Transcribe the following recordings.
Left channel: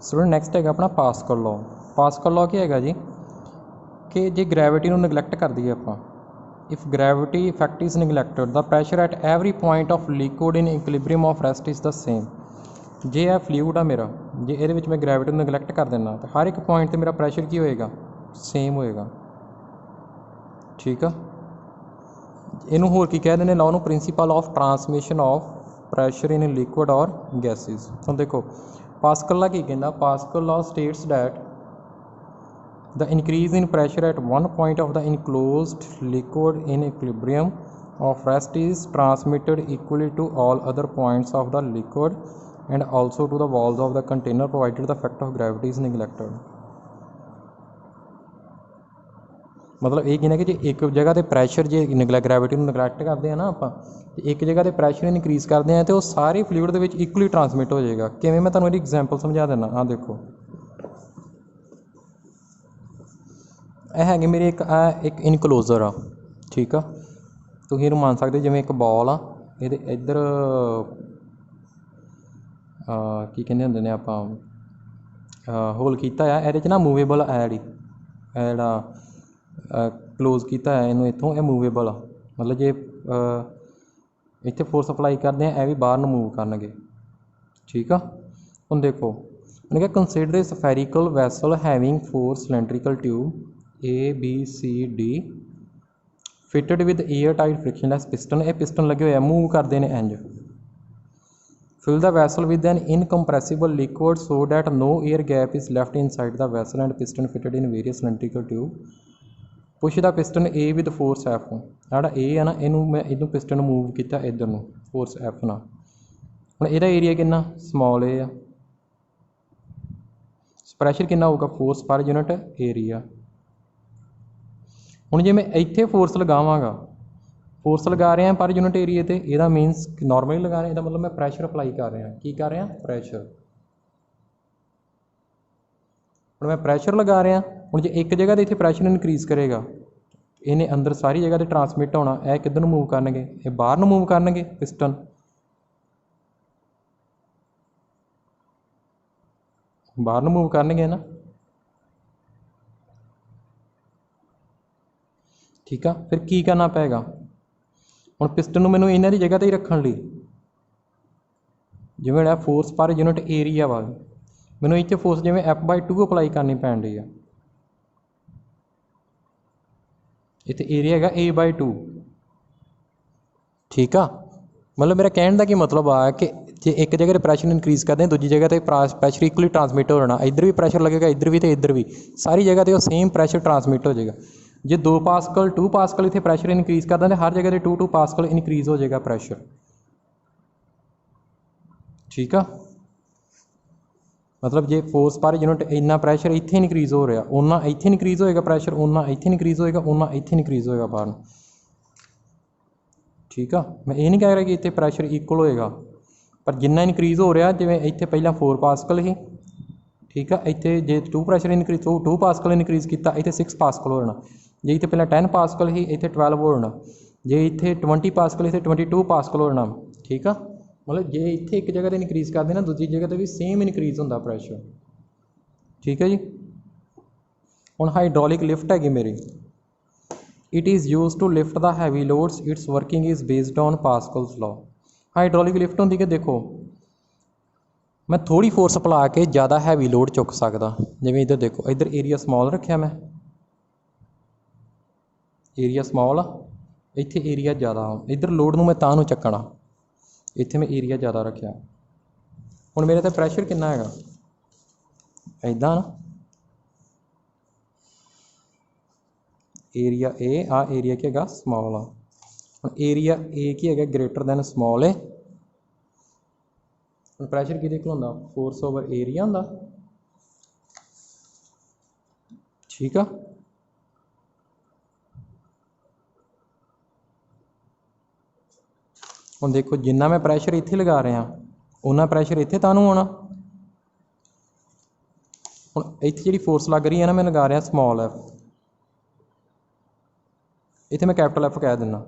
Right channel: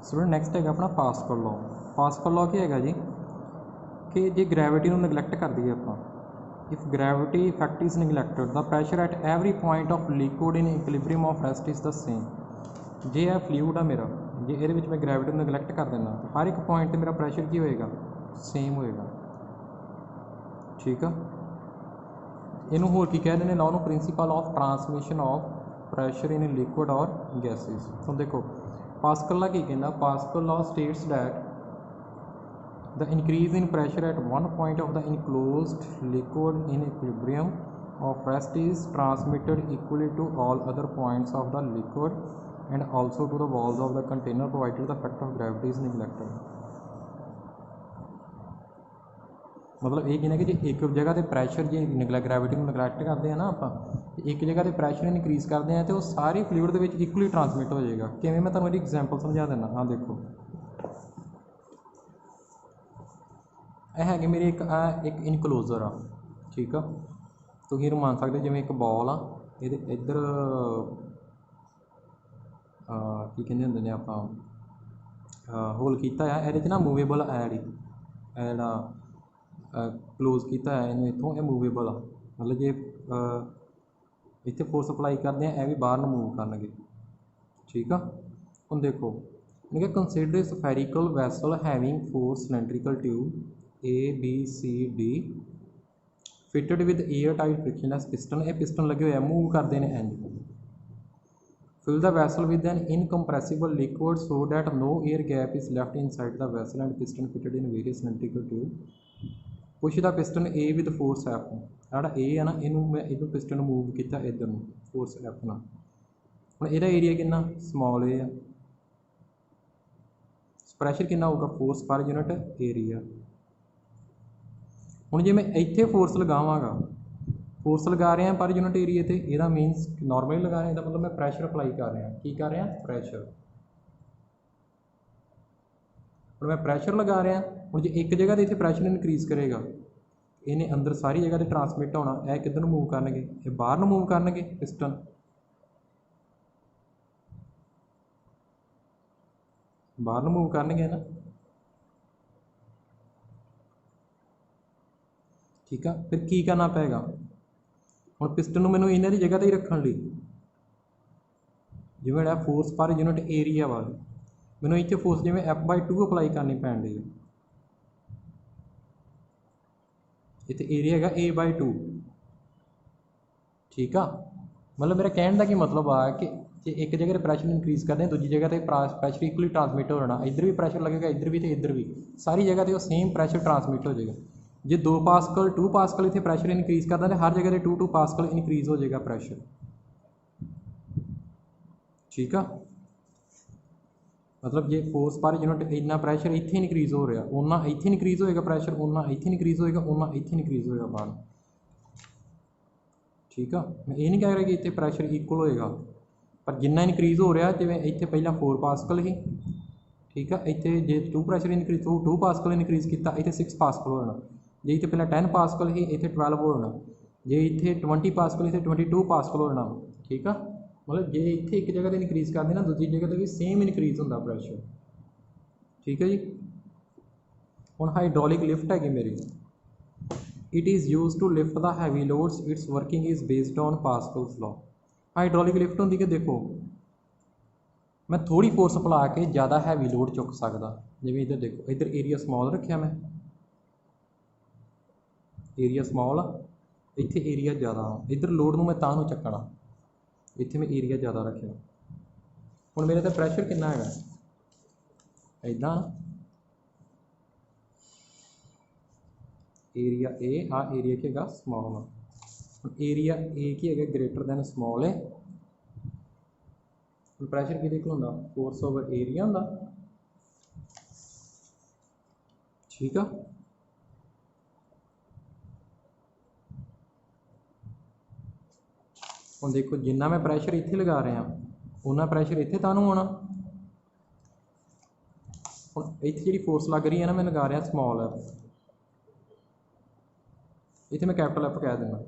Student next है अपना pascal law. Pascal law क्या है जी कि जे ग्रैविटी ਨੂੰ ਨੈਗਲੈਕਟ ਕਰ ਦਈਏ ਆਪਾਂ, if gravity effect is neglected the pressure at every point of liquid in equilibrium of rest is the same. जे यह फ्लूइड आ मेरा, जे ये मैं ग्रैविटी ਨੂੰ ਨੈਗਲੈਕਟ कर देना तो हर एक पॉइंट पर मेरा प्रैशर की होएगा, सेम होएगा। ठीक है, इनू होर की कह देने लॉ ਨੂੰ principal of transmission of pressure in liquid और गैसिज। तो देखो पास्कल लॉ की कहना, pascal law states that the increase in pressure at one point of the enclosed liquid in equilibrium of rest is transmitted equally to all other points of the liquid and also to the walls of the container provided the effect of gravity is neglected। मतलब ये कहना कि जो एक जगह पर pressure जो gravity नगलैक्ट करते हैं ना आप, एक जगह पर प्रैशर इनक्रीज़ करते हैं तो वो सारे फ्लूइड के इक्वली ट्रांसमिट हो जाएगा। किवें मैं तुहानूं एग्जाम्पल समझा देना। हाँ देखो है मेरे एक इनकलोजर आ, ठीक आ, तुम ये मान सकते जिमें एक बॉल आ, ये इधर की कहते होंगे ने आप होल किया है, ये ना मूवेबल है जी, जोड़ा क्लोज किया है इनू इतों, यह मूवेबल आ, मतलब जे इतने फोर्स अप्लाई करते हैं यह भी बाहर मूव करनगे। ठीक आ, हम देखो उन्हें consider spherical vessel having 4 cylindrical tube A B C D fitted with air tight frictionless piston. ये पिस्टन लगे हुए मूव करते हैं इंज। Fill the vessel with an incompressible liquid so that no air gap is left inside the vessel and piston fitted in various cylindrical tube. Push the piston A with force F. जोड़ा ए है ना, इनू मैं इनू piston move किया इधर में फोर्स एफ ना। हम यदा एरिया कितना स्मॉल ए आ, प्रैशर कितना होगा फोर्स पर यूनिट एरिया। हुण जे मैं इत्थे फोर्स लगावांगा, फोर्स लगा रहे हैं पर यूनिट एरिए ते, इहदा मीनस नॉर्मली लगा रहे हैं, मतलब मैं प्रैशर अप्लाई कर रहा, की कर रहा प्रैशर। हुण मैं प्रैशर लगा रहा, हुण जे एक जगह ते इत्थे प्रैशर इनक्रीज़ करेगा, इन्हें अंदर सारी जगह ते ट्रांसमिट होना, यह किधर मूव करनगे, ये बाहर मूव करनगे पिस्टन, बाहर मूव करनगे ना। ठीक है, फिर की करना पेगा, हुण पिस्टन नूं मैनूं इन्हां दी जगह ते ही रखण लई, जिवें फोर्स पर यूनिट एरिया वा, मैनूं इत्थे फोर्स जिवें F/2 अप्लाई करनी पैण रही है, इत्थे एरिया है A/2। ठीक आ, मतलब मेरा कहने का की मतलब आ कि जे एक जगह प्रैशर इनक्रीज़ करते हैं, दूजी जगह पर प्रैशर इक्वली ट्रांसमिट हो जाना, इधर भी प्रैशर लगेगा, इधर भी तो इधर भी, सारी जगह पर सेम प्रैशर ट्रांसमिट हो जाएगा। जे 2 पास्कल 2 पास्कल इतने प्रैशर इनक्रीज़ करता है, हर जगह 2 पास्कल इनक्रीज़ हो जाएगा प्रैशर। ठीक आ, मतलब जे फोर्स पर यूनिट इन्ना प्रैशर इत्थे इनक्रीज़ हो रहा, उन्ना इत्थे इनक्रीज़ होएगा प्रैशर, उन्ना इत्थे इनक्रीज़ होएगा, उन्ना इत्थे इनक्रीज़ होएगा बाहर। ठीक आ, मैं ये नहीं कह रहा कि इत्थे प्रैशर इक्वल होएगा, पर जिन्ना इनक्रीज़ हो रहा, जिवें इत्थे पहला 4 पास्कल ही, ठीक है, इत्थे जे 2 प्रैशर इनक्रीज़ 2 पास्कल इनक्रीज़ किया, इत्थे 6 पास्कल हो जाना। जे इत्थे पहला 10 पास्कल ही, इत्थे 12 हो जाना। जे इत्थे 20 पास्कल, इत्थे 22 पास्कल हो जाना। ठीक है, मतलब जे इत्थे एक जगह इनक्रीज़ कर देना, दूसरी जगह पर भी सेम इनक्रीज़ होंदा प्रैशर। ठीक है जी, हुण हाइड्रोलिक लिफ्ट हैगी मेरी, it is use to lift the heavy loads, its working is based on Pascal's law. Hydraulic lift होंदी कि देखो मैं थोड़ी फोर्स अप्ला के ज़्यादा हैवी लोड चुक सकदा, जिवें इधर देखो, इधर एरिया स्मॉल रखा मैं, एरिया स्मॉल आ, इत्थे एरिया ज़्यादा आ, इधर लोड नूं मैं तां नूं चकना, इत्थे मैं एरिया ज़्यादा रखा। हुण मेरे ते प्रैशर कितना हैगा, इदां ना, एरिया ए आ, एरिया की है स्मॉल आ, हुण एरिया ए की है ग्रेटर दैन स्मॉल ए। हुण प्रैशर किहदे कोल हुंदा, फोर्स ओवर एरिया हुंदा। ठीक आ, हुण देखो जिन्ना मैं प्रैशर इत्थे लगा रहा, उन्ना प्रैशर इत्थे तानूं होना। हुण इत्थे जिहड़ी फोर्स लग रही है ना, मैं लगा रहा स्मॉल एफ, इत्थे मैं कैपिटल एफ कह दिना,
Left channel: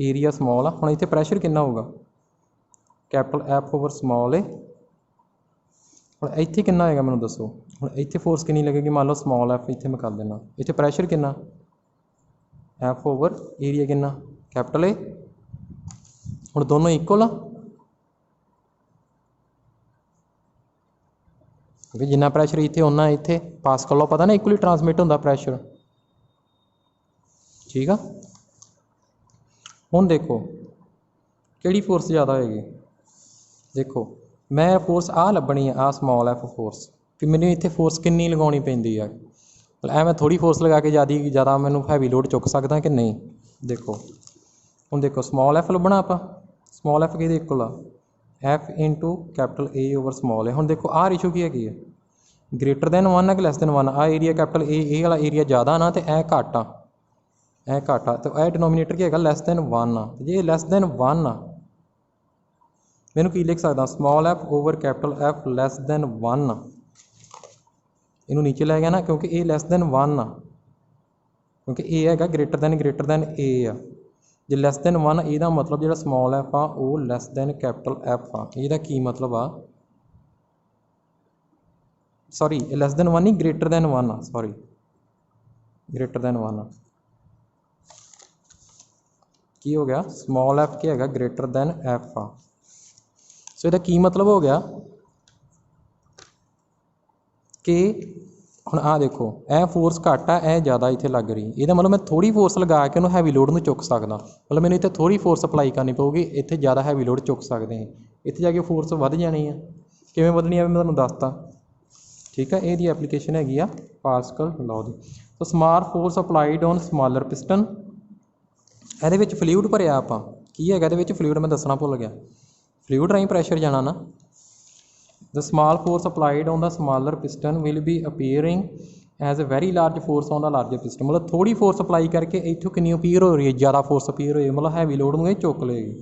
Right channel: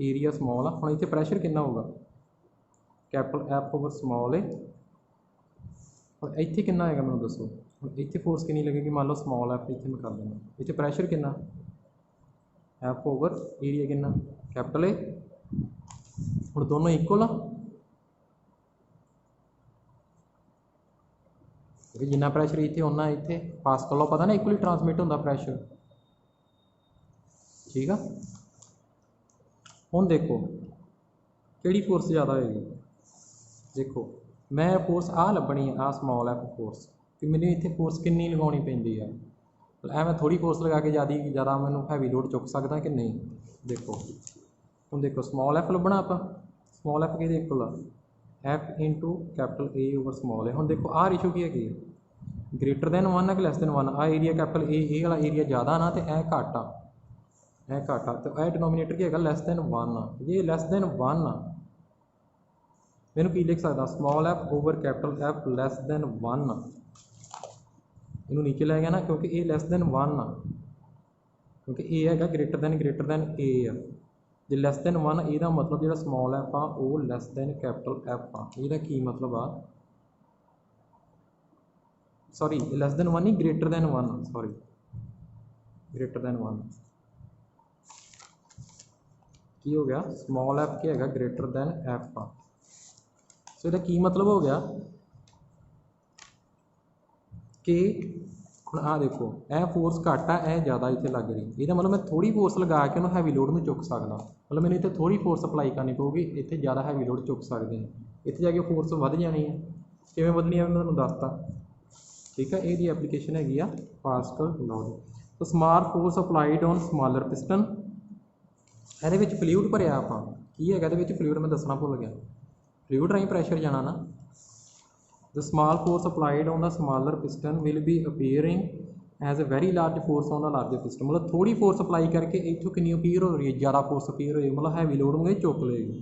एरिया स्मॉल आ, हुण इत्थे प्रैशर कितना होगा, कैपिटल एफ ओवर स्मॉल ए, ਹੁਣ ਇੱਥੇ ਕਿੰਨਾ ਹੋਏਗਾ ਮੈਨੂੰ ਦੱਸੋ। ਹੁਣ ਇੱਥੇ ਫੋਰਸ ਕਿੰਨੀ ਲੱਗੇਗੀ, ਮੰਨ ਲਓ ਸਮॉल ਐਫ ਇੱਥੇ ਮੈਂ ਕਰ ਦੇਣਾ, ਇੱਥੇ ਪ੍ਰੈਸ਼ਰ ਕਿੰਨਾ ਐਫ ਓਵਰ ਏਰੀਆ ਕਿੰਨਾ कैपिटल ए। ਹੁਣ ਦੋਨੋਂ ਇਕੁਅਲ ਆ, क्योंकि जिन्ना प्रैशर इतने उन्ना इतने पास्कल लॉ पता ना इक्वली ट्रांसमिट होंदा प्रैशर। ठीक है, हुण देखो किहड़ी फोर्स ज़्यादा होएगी। देखो मैं फोर्स आ लभनी है, आ स्मॉल एफ फोर्स, कि मैंने इतने फोर्स कितनी लगानी पैंदी है। ऐ मैं थोड़ी फोर्स लगा के ज़्यादा मैनू हैवी लोड चुक सकदा कि नहीं। देखो हुण देखो स्मॉल एफ लभना आपां, स्मॉल एफ किहदे इक्वल आ F into capital A over small A. हुण देखो आ रेशो की है ग्रेटर दैन 1 है कि लैस दैन 1। आ एरिया कैपिटल ए वाला एरिया ज़्यादा ना तो ए घट आ, ए घट आ, तो यह डिनोमीनेटर की है लैस दैन 1 आ। जे लैस दैन 1 आ मैनू की लिख सकदा small F over capital F lace than 1 आ। इनू नीचे लै गया ना, क्योंकि ए लैस दैन 1 आ, क्योंकि ए है ग्रेटर दैन ए आ। जे लैस दैन 1 यदा मतलब जो स्मॉल एफ आ वो लैस दैन कैपिटल एफ आ। यदा की मतलब आ, सॉरी लैस दैन 1 नहीं ग्रेटर दैन 1 आ, सॉरी ग्रेटर दैन 1 आ। की हो गया स्मॉल एफ की है ग्रेटर दैन एफ आ। सो यदा की मतलब हो गया कि हुण आ देखो ए फोर्स घट आ, ए ज़्यादा इत्थे लग रही, ये मतलब मैं थोड़ी फोर्स लगा के उन्होंने हैवी लोड में चुक सकदा। मतलब मैंने इत्थे थोड़ी फोर्स अप्लाई करनी पऊगी, इत्थे ज़्यादा हैवी लोड चुक सकते हैं, इत्थे जाके फोर्स वध जानी है। किवें वधनी है मैं तुहानूं दसता। ठीक है, ये एप्लीकेशन हैगी आ पास्कल लॉ दी। तो small force applied on smaller piston, ਇਹਦੇ ਵਿੱਚ ਫਲੂਇਡ ਭਰਿਆ ਆਪਾਂ, ਕੀ ਹੈਗਾ ਇਹਦੇ ਵਿੱਚ ਫਲੂਇਡ ਮੈਂ ਦੱਸਣਾ ਭੁੱਲ ਗਿਆ। ਫਲੂਇਡ ਰਾਹੀਂ ਪ੍ਰੈਸ਼ਰ ਜਾਣਾ ਨਾ। The small force applied on the smaller piston will be appearing as a very large force on the larger piston। मतलब थोड़ी फोर्स अप्लाई करके इतों कितनी अपीयर हो रही है, ज़्यादा फोर्स अपीयर हो रही है, मतलब हैवी लोड में चुक लेगी।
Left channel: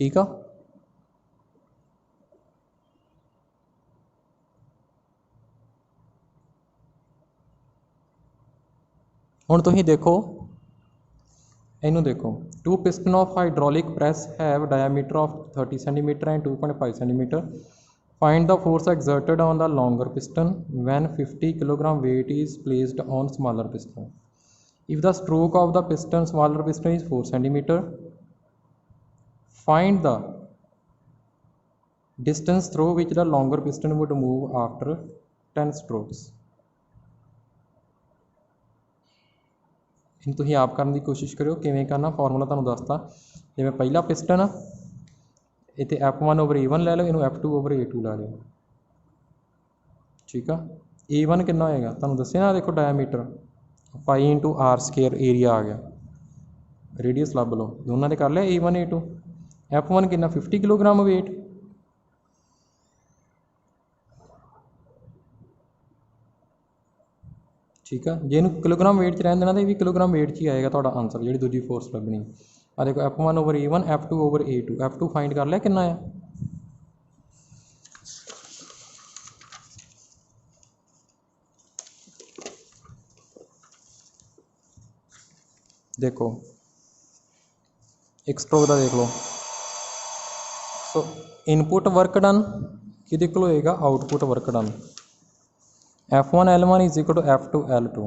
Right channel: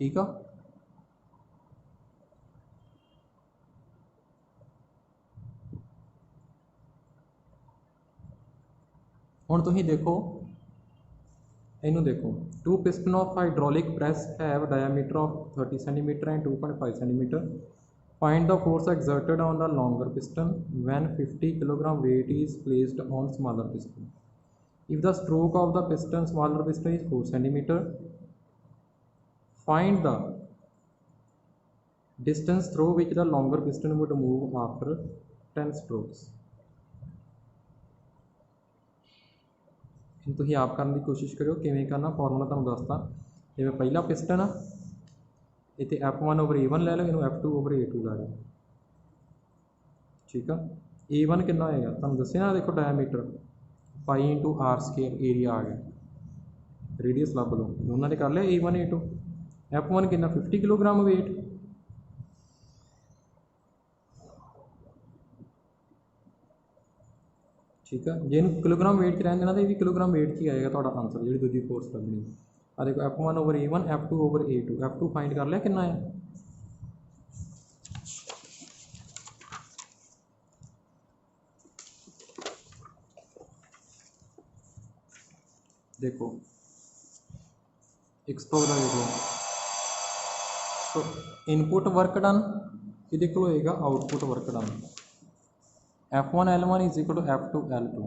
ठीक है, हुण तुसीं देखो इनू देखो, to piston of hydraulic press have diameter of 30 centimetre and 2.5 centimetre. Find the force exerted on the longer piston when 50 kilogram weight is placed on smaller piston। if the stroke of the piston smaller piston is 4 centimeter, find the distance through which the longer piston would move after 10 strokes। तुसीं आप करने की कोशिश करो, किवें करना formula तुहानूं दसता। जिवें पहला पिस्टन आ, इत्थे F1 ओवर A1 लै लो, इनू F2 ओवर A2 लै लो। ठीक है, A1 कितना होएगा तुहानूं दस्सिया ना, देखो diameter pi into R square area आ गया, रेडियस लभ लो, दोनों ने कर लिया A1 A2। F1 कितना 50 किलोग्राम वेट। ठीक है, जे इनू किलोग्राम वेट च रहन देना तो ये भी किलोग्राम वेट च ही आएगा तुहाडा आंसर, जी दूजी फोर्स लभनी। आ देखो F1 over A1 F2 over A2, F2 find कर लिया कितना है। देखो एक स्ट्रोक का देख लो। सो इनपुट वर्क डन कि होएगा output work done. F1 L1 is equal to F2 L2।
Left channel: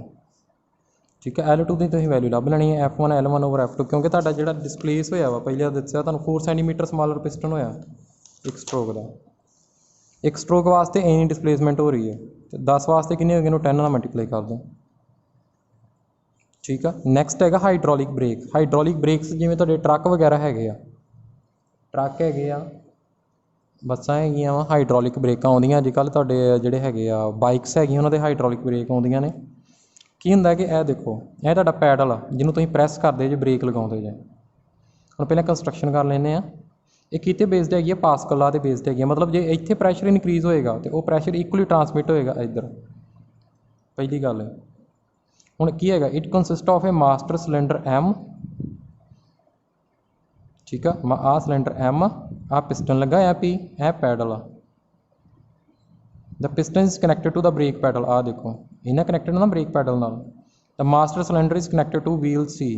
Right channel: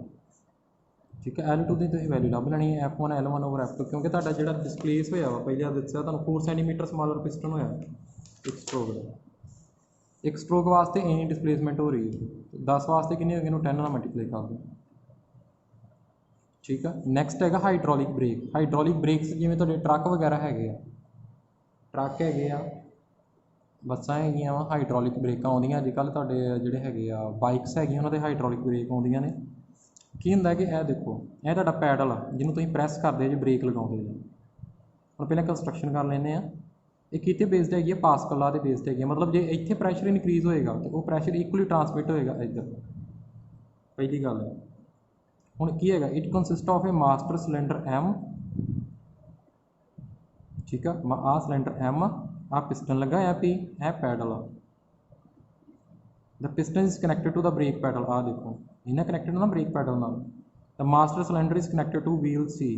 ठीक है, L2 की तुसीं वैल्यू लभ लैनी है F1 L1 ओवर F2, क्योंकि तुहाडा जिहड़ा डिसप्लेस होया वा पहले दस्सिया तुहानूं 4 सेंटीमीटर स्मॉलर पिस्टन होया एक स्ट्रोक का। एक स्ट्रोक वास्ते इन्नी डिसप्लेसमेंट हो रही है, तो 10 वास्ते कितनी होगी, 10 नाल मल्टीप्लाई कर दो। ठीक है, नैक्सट है हाइड्रोलिक ब्रेक। हाइड्रोलिक ब्रेक्स जिवें तुहाडे ट्रक वगैरह हैगे आ, ट्रक हैगे आ, बसां हैगियां वा, हाइड्रोलिक ब्रेकां आउंदियां अजकल तुहाडे जिहड़े हैगे आ बाइक्स हैगियां उन्हां दे हाइड्रोलिक ब्रेक आउंदियां ने। की हुंदा कि यह देखो यह तुहाडा पैडल आ जिन्हों तुसीं प्रैस करदे जे ब्रेक लगाउंदे जे। हुण पहले कंस्ट्रक्शन कर लैंदे आ, ये किते बेस्ड हैगी है, पास्कल लॉ ते बेस्ड हैगी है। मतलब जे इत्थे प्रैशर इनक्रीज होएगा तो वो प्रैशर इक्वली ट्रांसमिट होएगा इधर, पहली गल। हुण की हैगा, it consist of a master cylinder M। ठीक है, आ सिलेंडर M आ पिस्टन लगा है P, ए पैडल आ। The piston is connected to the brake pedal. आ देखो इन्हें कनैक्टेड ना ब्रेक पैडल नाल। The master cylinder is connected to wheel C।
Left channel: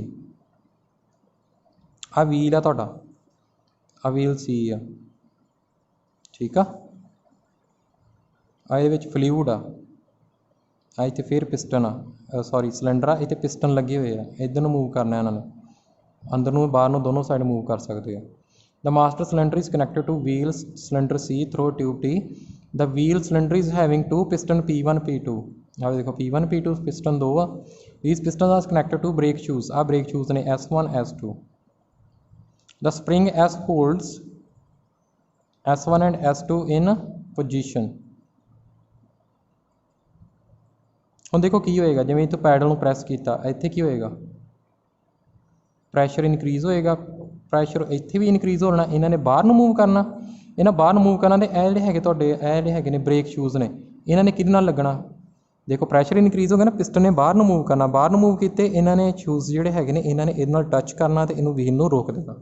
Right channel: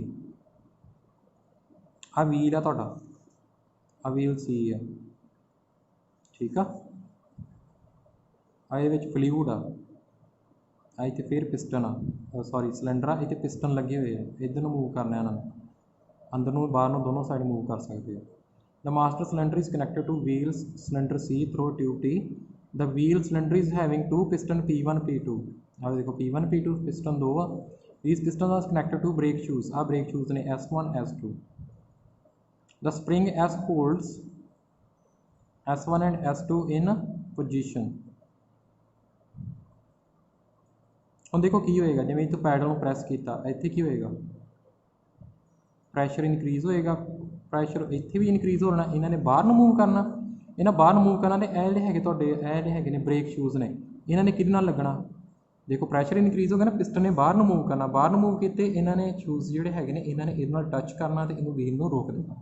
आ व्हील आ तुहाडा, आ व्हील C आ। ठीक आ ये फ्लूइड आ इतने फिर पिस्टन आ सॉरी सिलेंडर आ इतने पिस्टन लगे हुए हैं इधर मूव करना इन्होंने अंदर नूं बाहर नूं दोनों साइड मूव कर सकते हो the master cylinder is connected to wheel cylinder C through tube T the wheel cylinder is having two piston P1 P2 आप देखो P1 P2 पिस्टन दो आ these pistons are connected to brake shoes uh brake shoes ने S1 S2 the spring S holds S1 and S2 in position ਹੁਣ देखो की होएगा जिवें इत्थों पैडल नूं प्रैस कीता इत्थे की होएगा प्रैशर इनक्रीज़ होएगा प्रैशर इत्थे भी इनक्रीज़ होना इन्हां ने बाहर नूं मूव करना इन्हां बाहर मूव करना ते ਇਹ ਜਿਹੜੇ ਹੈਗੇ ਤੁਹਾਡੇ ਇਹ ਜਿਹੜੇ ਹੈਗੇ ਨੇ ब्रेक शूज़ ने इन्हां ने किहदे नाल लगना देखो प्रैशर इनक्रीज़ हो गया ना पिस्टन ने बाहर नूं मूव करना बाहर नूं मूव कीते इन्हां ने शूज़ ਜਿਹੜੇ ਹੈਗੇ ਨੇ इन्हां ने इहदे नाल टच करना ते इहनूं व्हील नूं रोक देना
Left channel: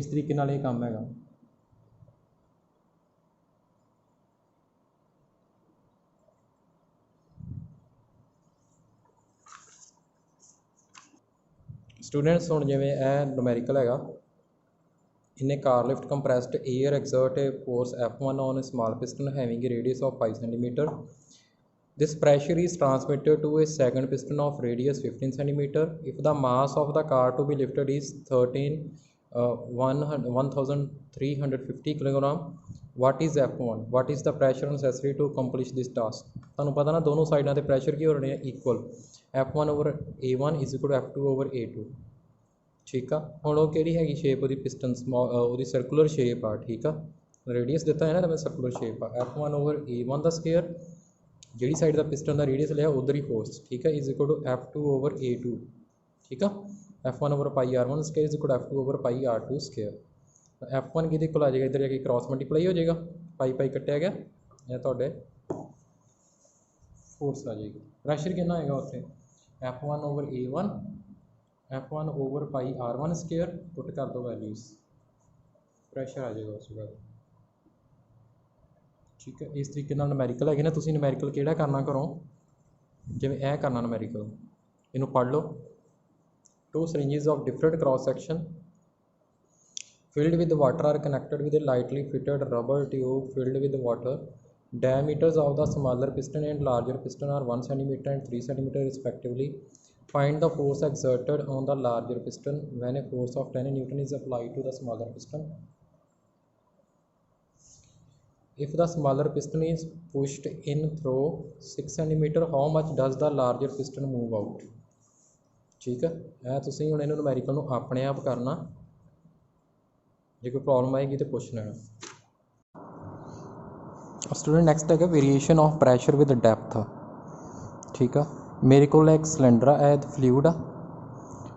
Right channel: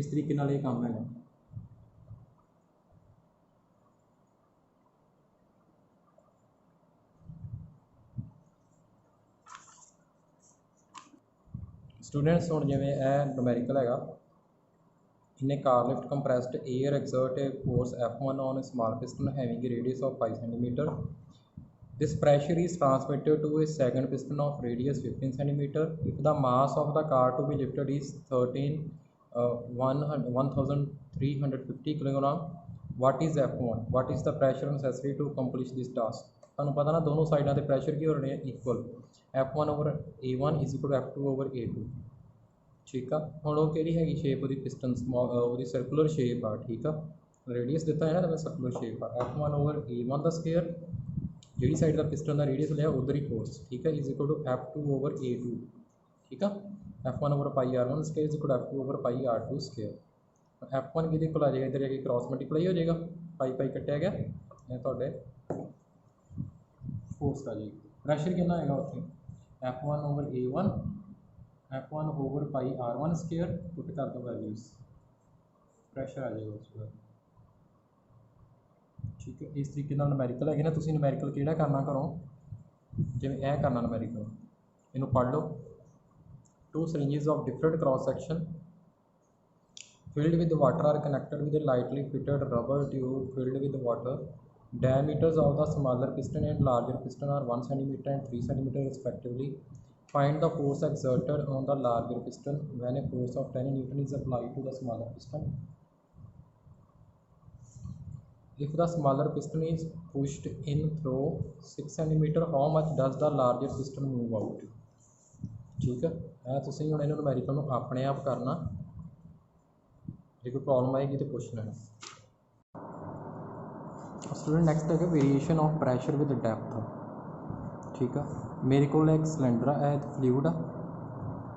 इस तरीके नाल ये काम हैगा स्टूडेंट्स हुण जिवें यह नूमैरिकल हैगा इन्हें car lift compressed air exert a force F1 on a small piston having a radius of 5 cm this pressure is transmitted to a second piston of radius 15 cm if the mass of the car to be lifted is 1350 kg what is F1 what is the pressure necessary to accomplish this task तुहानूं पता ना दोनों साइडों के pressure की हो रहे हैं equal F1 over A1 is equal to F2 over A2 ठीक है हुण वो किहड़ी हैगी शेप वो पिस्टन वो सर्कुलर शेप आ ठीक है रेडियस दिता है ना तो सर्कुलर शेप आ F1 over A1 का स्केयर जी साइड का पिस्टन का रेडियस लिया उधर ही फोर्स ठीक है is equal to F2 over A2 ठीक है F1 over pi R1 square is equal to F2 over pi R2 square F1 कि आ जाएगा इधर जाके क्रॉस मल्टीप्लाई हो जाएगा पाई पाई कट्टिया गया या तो फोर्स आ जाएगी प्रैशर कितना होगा उत्थे F1 over A1 F1 over pi R1 square put कर दो वैल्यूज़ प्रैशर आ जाएगा उस बाद ठीक है इस तरीके नूमैरिकल है ना तुसीं नूमैरिकल किहड़ा करना करो जिवें यह करना नूमैरिकल इनू पढ़ लो two syringes of different cross section filled with water are connected with a lightly fitted rubber tube filled with water diameters of the smaller piston and larger piston are 1 cm and 3 cm respectively find the force exerted on the larger piston when a force of 10 Newton is applied to the smaller piston if the smaller piston is pushed in through 6 cm how much does the larger piston move out ठीक है तुसीं हुण इहनूं नूमैरिकल नूं अपने आप करना जो कोई प्रॉब्लम आएगी तो पूछ लेना स्टूडेंट नैक्सट है variation of pressure with depth ठीक है मेरे को एक सिलेंडर है फ्लूइड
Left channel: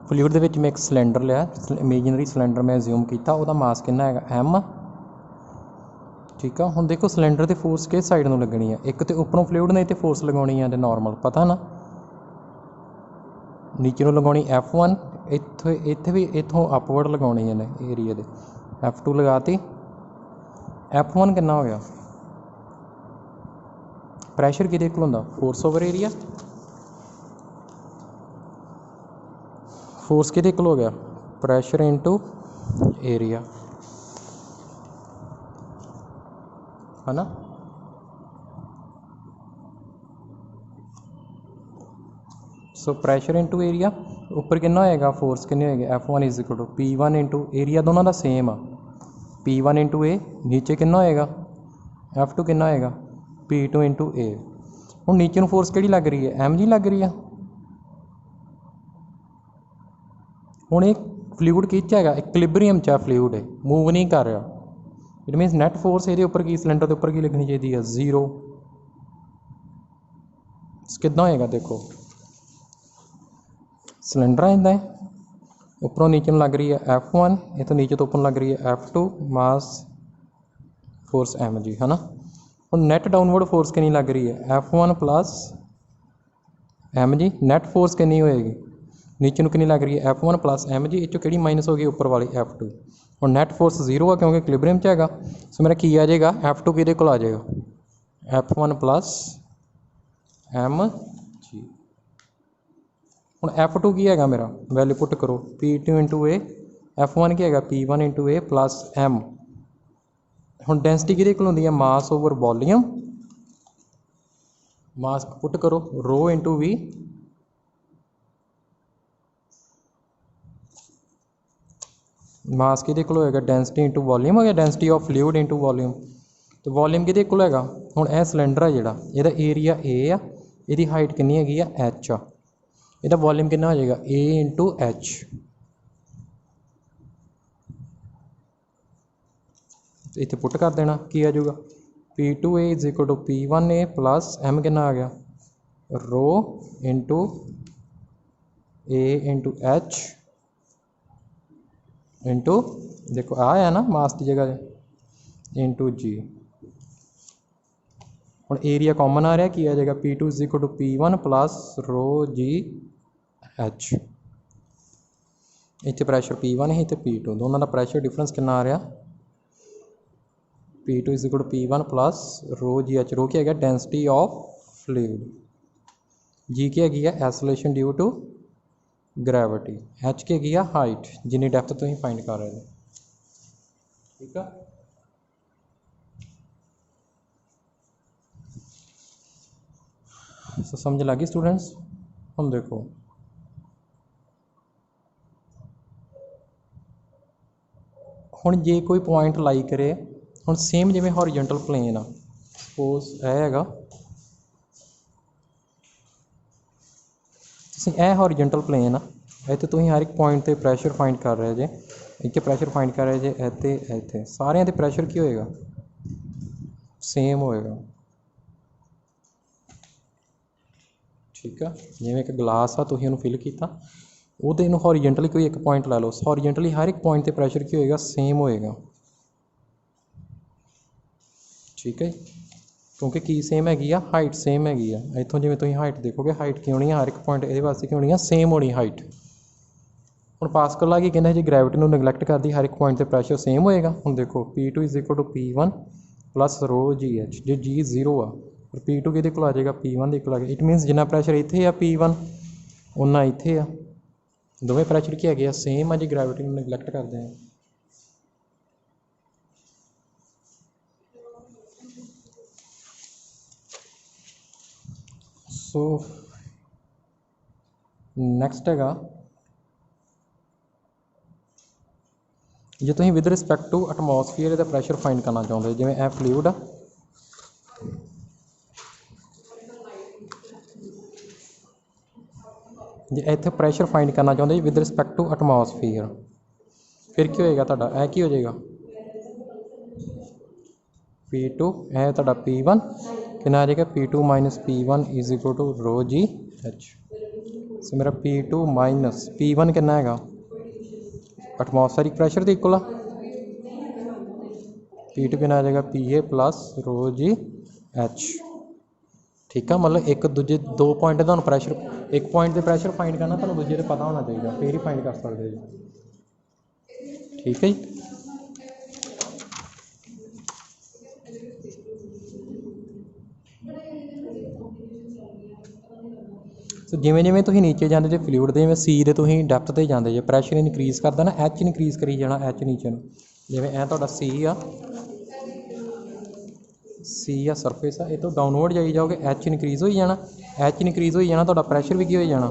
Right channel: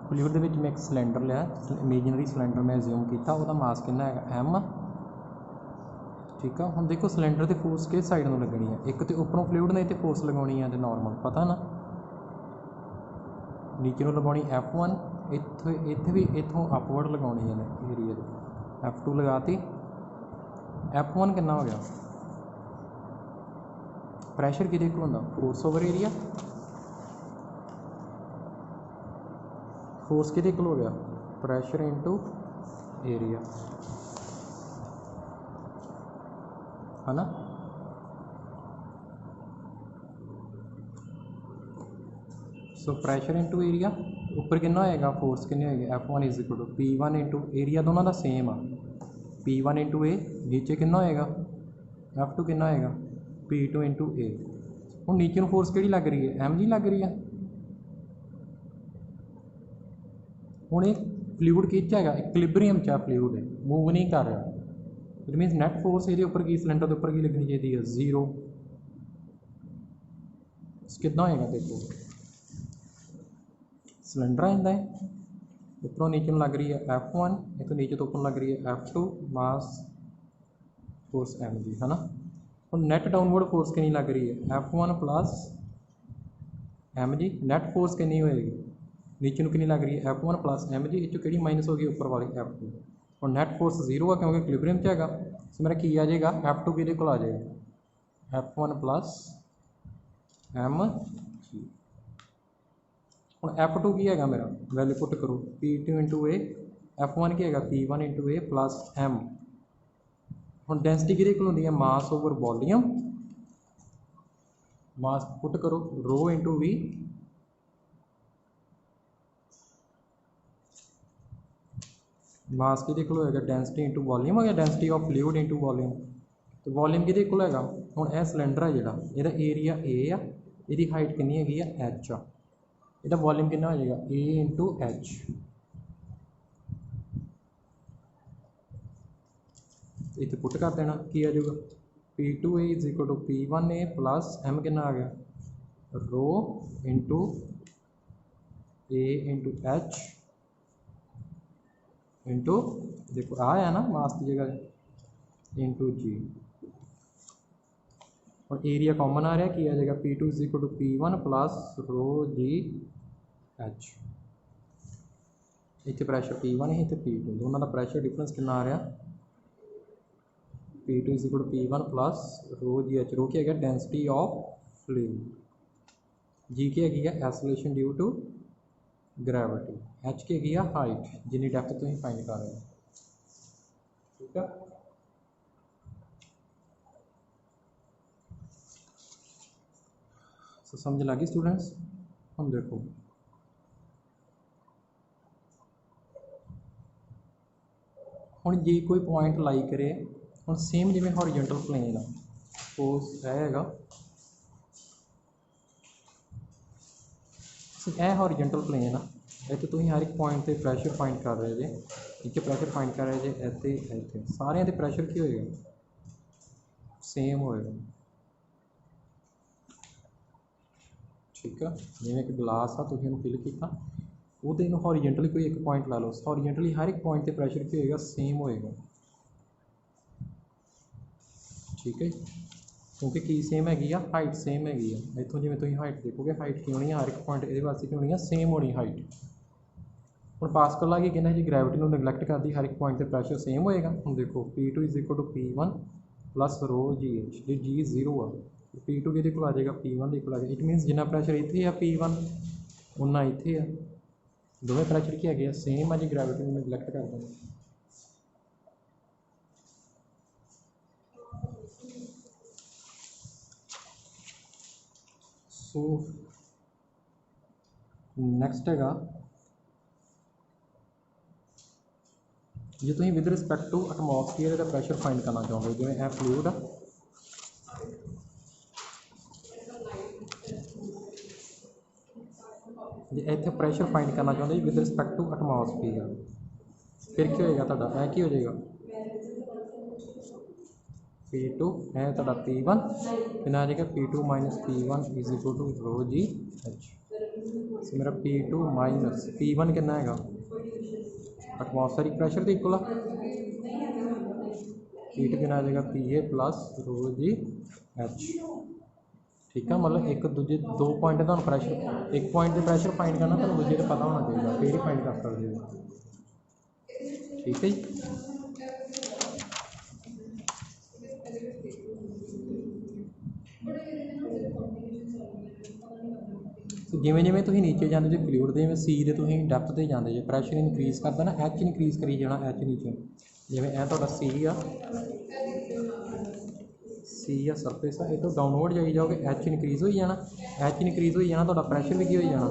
फ्लूइड के मैं एक सिलेंडर लिया इमेजिनरी सिलेंडर मैं अज्यूम किया वह मास कितना है M ठीक है हुण देखो सिलेंडर की फोर्स किस साइड में लगनी है एक तो उपरों फ्लूइड ने तो फोर्स लगानी है नॉर्मल पता ना नीचे लगानी F1 इत्थे भी इत्थों अपवर्ड लगानी है एरिए दे F2 लगाती F1 कितना हो गया प्रैशर किहदे कोल हुंदा फोर्स ओवर एरिया फोर्स किहदे कोल हो गया प्रैशर इनटू एरिया है ना सो प्रैशर इनटू एरिया ऊपर कितना होएगा फोर्स कितनी होएगी F1 is equal to P1 into area दोनों का सेम आ P1 इंटू ए नीचे कितना होएगा F2 कितना होएगा P2 इंटू ए हुण नीचे नूं फोर्स किहड़ी लग रही है M जी लग रही है हुण एक फ्लूइड किच हैगा इक्विलिब्रियम च फ्लूइड है मूव नहीं कर रहा इट मीनस नैट फोर्स ये ऊपर की सिलेंडर के उपर की लगनी चाहिए है 0 कितना होएगा देखो सिलेंडर आंदा है उपरों नीचे लग रही है F1 ये तो नीचे तो ऊपर लग रही है F2 मास फोर्स M जी है ना और नैट डाउनवर्ड फोर्स कितनी लग रही है F1 प्लस M जी नैट फोर्स कितनी होएगी नीचे कितनी लग रही है F1 प्लस M जी इस कि माइनस होगी ऊपर वाली F2 और नैट फोर्स 0 है क्योंकि इक्विलिब्रियम च हैगा सो मेरा की आ जाएगा F2 किहदे कोल आ जाएगा F1 प्लस M जी हुण F2 की है मेरा वैल्यू पुट करो P2 इंटू ए F1 ਕੀ ਹੈਗਾ P1 × A + M। ਹੁਣ ਡੈਂਸਿਟੀ ਕਿਹਦੇ ਕੋਲ ਹੁੰਦੀ ਹੈ ਮਾਸ ਓਵਰ ਵੋਲੀਅਮ। मास पुट करो रो इंटू वी, मास किहदे कोल होएगा डेंसिटी इंटू वॉल्यूम हो गया, density of fluid into volume. तो वॉल्यूम किहदे कोल हैगा हुण यह सिलेंडर है जिहड़ा इहदा एरिया ए आ, इहदी हाइट कितनी हैगी आ एच आ, इहदा वॉल्यूम कितना हो जाएगा ए इंटू एच। तो इत्थे पुट कर देना की आ जाऊगा P2A = P1A + M कितना आ गया रो इंटू ए इंटू एच इंटू देखो आ है ना मास की जगह इंटू जी। हुण एरिया कॉमन आ रहा की आ जाएगा P2 = P1 + रो जी एच। इत्थे प्रैशर P1 है इत्थे P2, दोनों का प्रैशर डिफरेंस कितना आ रहा P2 = P1 + रो जी एच। रो क्या है डेंसिटी ऑफ फ्लूइड, जी की हैगी है acceleration due to gravity, H की हैगी है हाइट जिन्नी डेप्थ तुसीं फाइंड कर रहे हो। ठीक है सो समझ लगी स्टूडेंट्स। हम देखो हुण जे कोई पॉइंट लाई करे हुण सेम जिवें हॉरिजॉन्टल प्लेन आ, सपोज हैगा ए हॉरिजॉन्टल प्लेन आ, इत्थे तुसीं हर एक पॉइंट ते प्रैशर फाइंड कर रहे जे, इत्थे प्रैशर फाइंड कर रहे जे, इत्थे इत्थे सारियां ते प्रैशर की होएगा सेम होएगा। ठीक है जिवें एक गिलास आ तुसीं उहनूं फिल कीता ਉਹਦੇ ਇਹਨੂੰ हॉरिजॉन्टली कोई एक पॉइंट ला लो, हॉरिजॉन्टली हर एक पॉइंट ते प्रैशर की होएगा सेम होएगा। ठीक है क्योंकि की सेम हैगी आ हाइट सेम हैगी आ, इत्थों जिवें तुसीं हाइट देखोगे हाइट की होनी है हर एक पॉइंट ये वास्ते की होनी है सेम होनी हाइट। हुण पास्कल आ की कहना जी ग्रैविटी नूं निगलैक्ट करदी हर एक पॉइंट ते प्रैशर सेम होएगा। हुण देखो P2 = P1 + रो जी एच, जो जी 0 आ और P2 किहदे कोल आ जाएगा P1 दे कोल आ गया। इट मीनस जिन्ना प्रैशर इत्थे आ P1 उन्ना इत्थे आ, दोवें प्रैशर की है सेम है जी ग्रैविटी में निगलैक्ट करते हैं। सो नैक्सट हैगा जे तुसीं विद रिस्पैक्ट टू एटमोसफीयर का प्रैशर फाइंड करना चाहते जिवें ए फ्लूइड आ, जे इत्थे प्रैशर फाइंड करना चाहते विद रिस्पैक्ट टू एटमोसफीयर फिर की होएगा तुहाडा ए की हो जाएगा P2 है तुहाडा P1 कितना आ जाएगा P2 - P1 = रो जी एच। सो मेरा P2 - P1 कितना हैगा एटमोसफेरिक प्रैशर के इक्वल आ, P2 कितना आ जाएगा PA + रो जी एच। ठीक है मतलब एक दूजे दो पॉइंट का प्रैशर एक पॉइंट से प्रैशर फाइंड करना तो दूजे का पता होना चाहिए फिर ही फाइंड कर सकते हो। ठीक है जी सो जिमें जिमें तुसीं नीचे जाते जे फ्लूइड के जिमें सी दे तुसीं डैप्थ ते जाते जे प्रैशर इनक्रीज करदा ना एच इनक्रीज करी जाना एच नीचे जिमें ए तुहाडा सी आ सरफेस आ इतों डाउनवर्ड जाई जाओगे एच इनक्रीज हो जाना, एच इनक्रीज हो जाना तुहाडा प्रैशर भी की हो जाना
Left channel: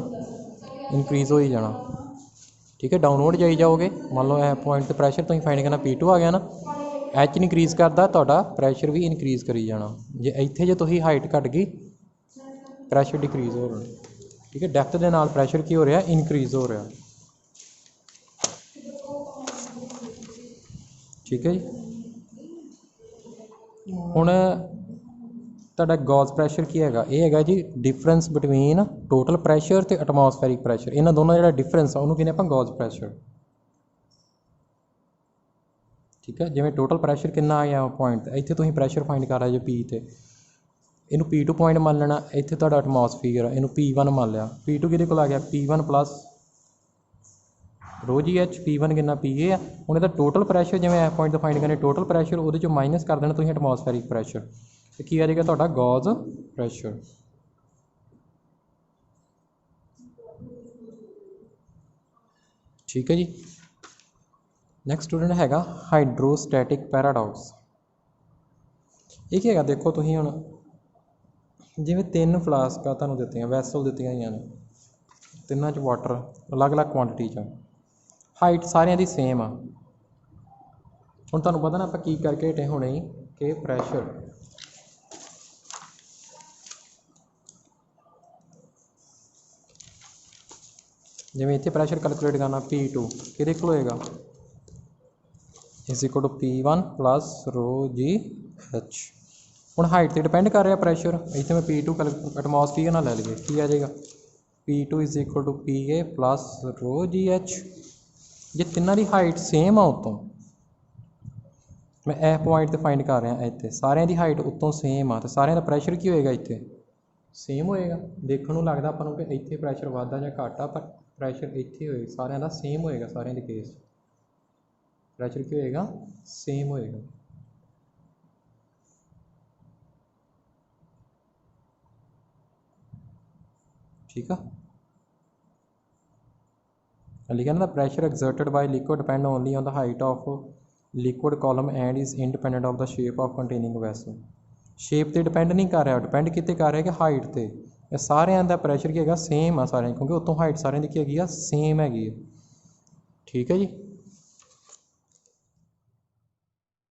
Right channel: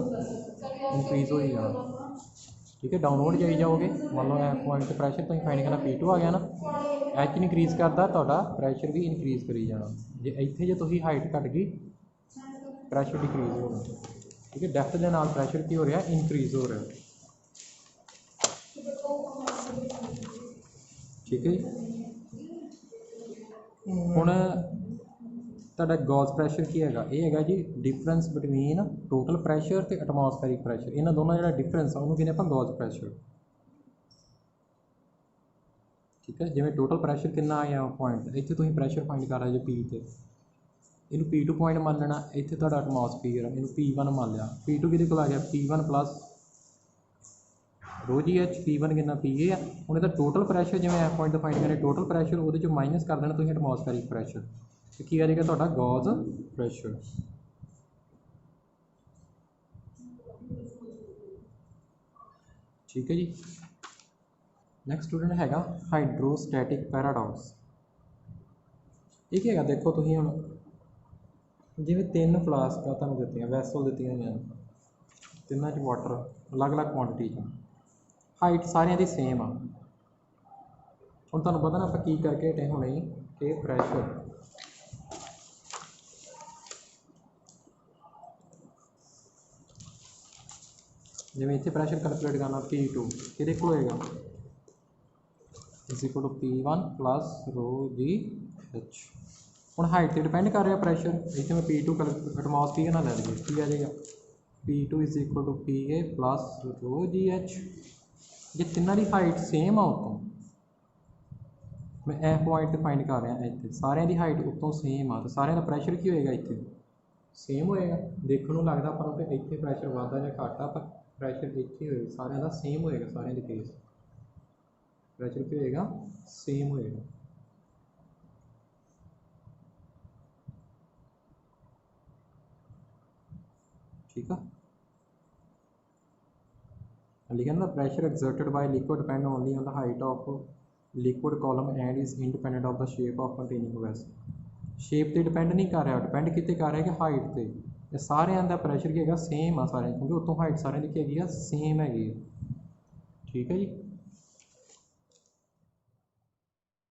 इनक्रीज हो जाना। ठीक है डाउनवर्ड जाई जाओगे मान लो ए पॉइंट ते प्रैशर तुसीं फाइंड करना P2 आ गया ना, एच इनक्रीज करदा तुहाडा प्रैशर भी इनक्रीज करी जाना। जे इत्थे जे तुसीं हाइट घट गई प्रैशर डिक्रीज हो रहा। ठीक है डेप्थ के नाल प्रैशर की हो रहा इनक्रीज हो रहा। ठीक है जी हुण तुहाडा गॉज प्रैशर की हैगा ये हैगा जी डिफरेंस बिटवीन टोटल प्रैशर ते एटमोसफेरिक प्रैशर, इन्हां दोनों जिहड़ा डिफरेंस आ उहनूं कहने आपां गॉज प्रैशर। ठीक है जिवें टोटल प्रैशर कितना आया पॉइंट इत्थे तुसीं प्रैशर फाइंड कर रहे जो P ते इनू P2 पॉइंट मान लेना, इत्थे तुहाडा एटमोसफीयर इनू P1 मान लिया, P2 किहदे कोल आ गया P1 + रो जी एच, P1 कितना PA आ। हुण इहदा टोटल प्रैशर जिवें ए पॉइंट फाइंड करने टोटल प्रैशर उहदे चों माइनस कर देना तुसीं एटमोसफेरिक प्रैशर ते की आ जाएगा तुहाडा गॉज प्रैशर। ठीक है जी ਨੈਕਸਟ ਸਟੂਡੈਂਟ ਹੈਗਾ ਹਾਈਡਰੋਸਟੈਟਿਕ ਪੈਰਾਡੌਕਸ। ਇਹ ਕੀ ਹੈਗਾ ਦੇਖੋ ਤੁਸੀਂ ਹੁਣ, ਜਿਵੇਂ 3 ਫਲਾਸਕਾਂ ਤੁਹਾਨੂੰ ਦਿੱਤੀਆਂ, ਵੈਸਲ ਦਿੱਤੀਆਂ ਹੋਈਆਂ ਨੇ, ਤਿੰਨਾਂ 'ਚ ਵਾਟਰ ਅਲੱਗ-ਅਲੱਗ ਕੁਆਂਟਿਟੀ 'ਚ, ਹਾਈਟ ਸਾਰਿਆਂ ਦੀ ਸੇਮ ਆ। ਹੁਣ ਤੁਹਾਨੂੰ ਪਤਾ ਨਾ ਆਪਾਂ ਕੀ ਕਰਕੇ ਹਟੇ ਹੁਣੇ ਹੀ ਕਿ ਪ੍ਰੈਸ਼ਰ, ਜਿਵੇਂ ਇੱਥੇ ਪ੍ਰੈਸ਼ਰ ਕੈਲਕੂਲੇਟ ਕਰਨਾ P2 ਕਿਹਦੇ ਕੋਲ ਹੋਏਗਾ, = P1 + ρgh। ਹੁਣ ਹਾਈਟ 'ਤੇ ਡਿਪੈਂਡ ਕਰ ਰਿਹਾ ਪ੍ਰੈਸ਼ਰ, ਇੱਥੇ ਮੈਂ P2 ਐਟਮੋਸਫੀਅਰ ਨਾਲ ਲੈ ਲਈਏ, ਕੀ ਆ ਜਾਏਗਾ P2 = PA + ρgh। ਜੇ ਤਿੰਨਾਂ ਦੀ ਹਾਈਟ ਸੇਮ ਆ ਉੱਤੋਂ, ਮੈਂ ਇਹ ਪੁਆਇੰਟ 'ਤੇ ਫਾਈਂਡ ਕਰ ਰਿਹਾ, ਇੱਥੇ ਸਾਰਿਆਂ ਦੀ ਹਾਈਟ ਉੱਤੋਂ ਸੇਮ ਆ, ਅਤੇ ਸਾਰਿਆਂ ਦਾ ਪ੍ਰੈਸ਼ਰ ਕੀ ਹੋਏਗਾ, ਇੱਥੇ ਸੇਮ ਹੋਏਗਾ। ਦੇਖਣ ਨੂੰ ਲੱਗਦਾ ਆਪਾਂ ਨੂੰ ਕਿ ਇੱਥੇ ਪ੍ਰੈਸ਼ਰ ਵੱਧਦਾ ਜਾਂ ਘੱਟਦਾ, ਪਰ ਪ੍ਰੈਸ਼ਰ ਇੱਥੇ ਹੋਏਗਾ, ਸਾਰਿਆਂ ਦਾ ਸੇਮ ਹੋਏਗਾ, ਸਾਰਿਆਂ ਦੇ ਕੇਸ ਪ੍ਰੈਸ਼ਰ ਕੀ ਹੋਏਗਾ, ਸੇਮ ਹੋਏਗਾ। ਠੀਕ ਆ, ਲਿਖਿਆ ਨਾ, pressure exerted by liquid depend only on the height of liquid column and is independent of the shape of containing vessel. Shape 'ਤੇ ਡਿਪੈਂਡ ਨਹੀਂ ਕਰ ਰਿਹਾ, ਡਿਪੈਂਡ ਕਿਤੇ ਕਰ ਰਿਹਾ ਕਿ ਹਾਈਟ 'ਤੇ। ਇਹ ਸਾਰਿਆਂ ਦਾ ਪ੍ਰੈਸ਼ਰ ਕੀ ਹੈਗਾ, ਸੇਮ ਆ ਸਾਰਿਆਂ, ਕਿਉਂਕਿ ਉੱਤੋਂ ਹਾਈਟ ਸਾਰਿਆਂ ਦੀ ਕੀ ਹੈਗੀ ਆ, ਸੇਮ ਹੈਗੀ ਆ। ਠੀਕ ਹੈ ਜੀ।